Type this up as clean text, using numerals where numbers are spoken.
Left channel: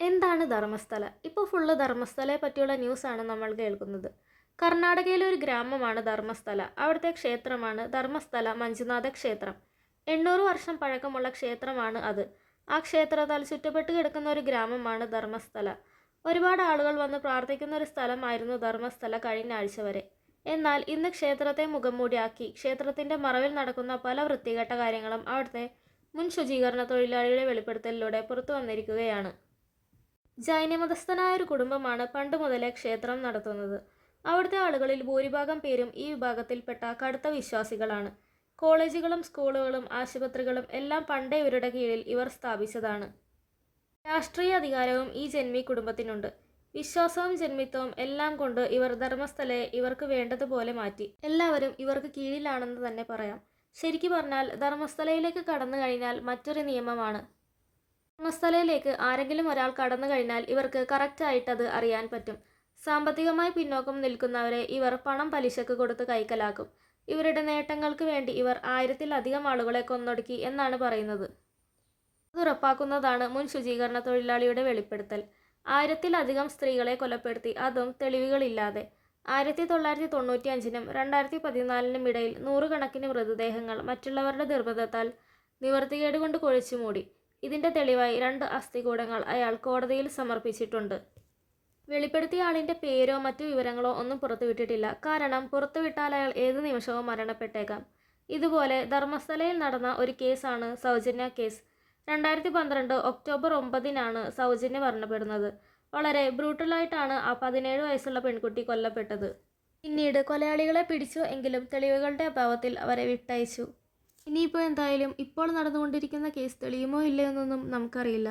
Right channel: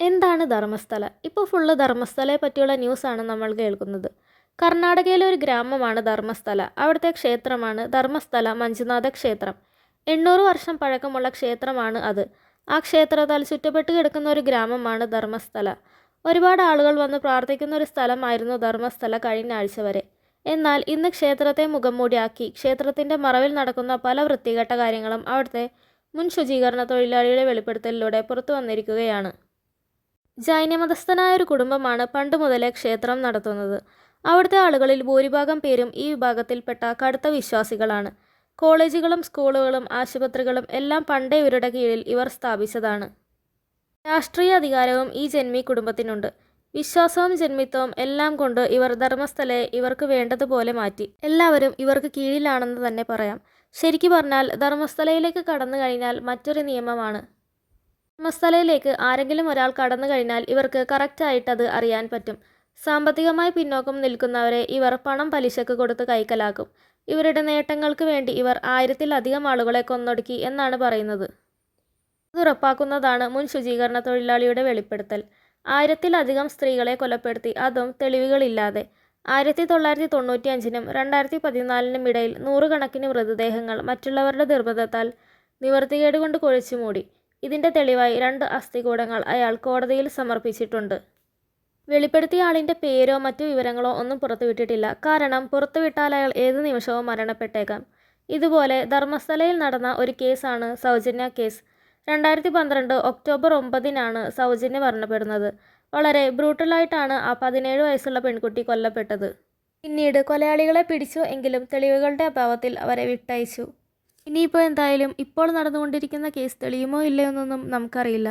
എന്താണ് ധർമ്മസ്ഥല? ഇപ്പോൾ ഫുള്ള് ധർമ്മസ്ഥലയെ പറ്റിയുള്ള ന്യൂസാണ് നമ്മൾ കേൾക്കുന്നത്. കർണാടകയിലെ ഒരു ഗ്രാമമാണ് ധർമ്മസ്ഥല. അവിടുത്തെ ക്ഷേത്രമാണ് ധർമ്മസ്ഥല മഞ്ജുനാഥ ക്ഷേത്രം. 800 വർഷം പഴക്കമുള്ള ക്ഷേത്രമാണ് അത്. ആ ക്ഷേത്രത്താൽ ചുറ്റപ്പെട്ട് കിടക്കുന്ന ഒരു ഗ്രാമമാണ് ധർമ്മസ്ഥല. ഒരുപാട് ആളുകൾ വന്ന് പ്രാർത്ഥിക്കുന്ന ഒരു സ്ഥലമായിരുന്നു ധർമ്മസ്ഥല കഴിഞ്ഞ ആഴ്ച വരെ. എന്നാൽ ഇന്ന് ക്ഷേത്രത്തെ മുഖംമൂടിയാക്കി ക്ഷേത്രത്തിൻ്റെ മറവിൽ നടക്കുന്ന പല വൃത്തികെട്ട കാര്യങ്ങളും അവിടുത്തെ മുൻ ശുചീകരണ തൊഴിലാളിയുടെ വെളിപ്പെടുത്തലിലൂടെ പുറത്തു വന്നിരിക്കുകയാണ്. ജൈനമതസ്ഥനായ ഒരു കുടുംബമാണ് പണ്ട് മുതലേ ക്ഷേത്രം നടത്തുന്നത്. അവിടുത്തെ ആളുകളിൽ ഭൂരിഭാഗം പേരും ഈ വിഭാഗത്തിൽപ്പെട്ട കടുത്ത വിശ്വാസികളാണ്. കോളേജുകളും സ്കൂളുകളും ആശുപത്രികളും എല്ലാം പണ്ടേ ഇവരുടെ കീഴിൽ ഇവർ സ്ഥാപിച്ചതാണ്. രാഷ്ട്രീയ അധികാരവും ഈ ജന്മി കുടുംബത്തിനുണ്ട്. വിശ്വാസവും ജന്മിത്വവും എല്ലാം കൊണ്ട് ഇവർ ധർമ്മസ്ഥലയെ ഇവർക്ക് വേണ്ടതുപോലെ മാറ്റി. എല്ലാവരും ഇവർക്ക് കീഴിലാണെന്ന് തന്നെ പറയാം. ശരിക്കു പറഞ്ഞാൽ ധർമ്മസ്ഥലയിലേക്ക് കടന്നു കഴിഞ്ഞാൽ മറ്റൊരു നിയമമാണ്. ധർമ്മസ്ഥലയിലേക്ക് ആരെങ്കിലും ഒരാൾ കടന്നു കഴിഞ്ഞാൽ ഇവർക്ക് കറക്റ്റായിട്ടത് അറിയാൻ പറ്റും. സാമ്പത്തികമായി പിന്നോക്കം നിൽക്കുന്നവരെ ഇവർ പണം പലിശക്ക് കൊടുത്ത് കൈക്കലാക്കും. ഇവരുടെ നേട്ടങ്ങൾക്ക് വേണ്ടി ഇവർ 1000-ലധികം ആളുകളെ കൊന്നൊടുക്കി എന്നാണ് പറയുന്നത്. അത് ഉറപ്പാക്കുന്നതാണ് മുൻ ശുചീകരണ തൊഴിലാളിയുടെ വെളിപ്പെടുത്തൽ. 1000-ലധികം സ്ത്രീകളെ കൊലപ്പെടുത്തി, അതും തെളിവുകളില്ലാതെ. 1995-നും 2014-നും ഇടയിൽ 100 കണക്കിന് മൃതദേഹങ്ങൾ മറ്റുള്ളവരുടെ നിർബന്ധത്താൽ നിവൃത്തികേട് കൊണ്ട് കുഴിച്ചുമൂടി. ഇതിൻ്റെ തെളിവായി 2 അസ്ഥികൂടങ്ങൾ അയാൾ കോടതിയിൽ സമർപ്പിച്ചിട്ടുണ്ട്. വെളിപ്പെടുത്തിയ ആളിൻ്റെ പേരോ മറ്റു വിവരങ്ങളോ ഒന്നും പുറത്തുവിട്ടിട്ടില്ല. കാരണം പുറത്തുവിട്ടാൽ അയാൾ ഏത് നിമിഷവും മരണപ്പെട്ടേക്കാം. ഇതുപോലെ ധർമ്മസ്ഥലയിൽ നടന്ന ഒരു കേസാണ് സൗജന്യ കേസ്. 2012 ഒക്ടോബർ 9-നാണ് സൗജന്യ മരണപ്പെടുന്നത്. വളരെ ബ്രൂട്ടലായിട്ടാണ് ആ 17 വയസ്സുള്ള പെൺകുട്ടി കൊല്ലപ്പെട്ടത്. പിന്നീട് കൊലയാളികളെ പിടിച്ചു എങ്കിലും തെളിവുകളുടെ അഭാവത്തിൽ അവരെ വിട്ടയച്ചു. ഇനിയിപ്പോൾ എന്തായാലും ഇപ്പോൾ നടന്നുകൊണ്ടിരിക്കുന്ന കേസ് തെളിയുമോ ഇല്ലയോ എന്നൊന്നും നമുക്കറിയില്ല.